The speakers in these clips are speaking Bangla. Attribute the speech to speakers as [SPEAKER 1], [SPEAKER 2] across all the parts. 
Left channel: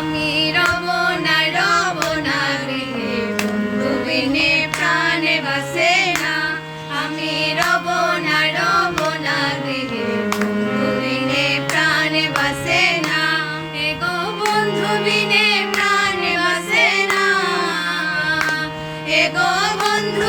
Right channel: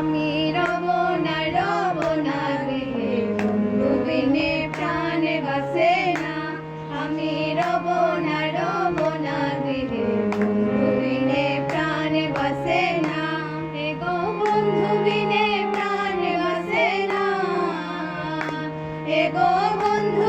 [SPEAKER 1] আমি রব না রব না গৃহে বন্ধু বিনে প্রাণে বাসে না। আমি রব না রব না গৃহে বন্ধু বিনে প্রাণে বাসে না। এগো বন্ধু, বিনে প্রাণে বাসে না। এগো বন্ধু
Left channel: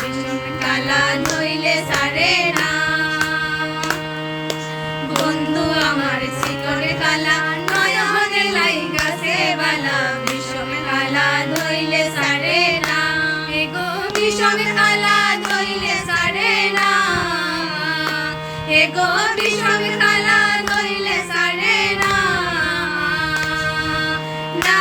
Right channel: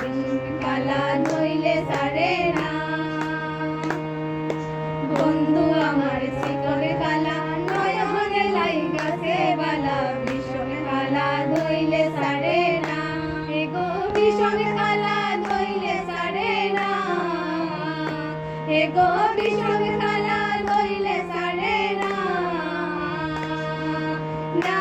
[SPEAKER 1] বিষমের খালা ধইলে সারে না। এগো বিষমের খালা ধইলে সারে না। না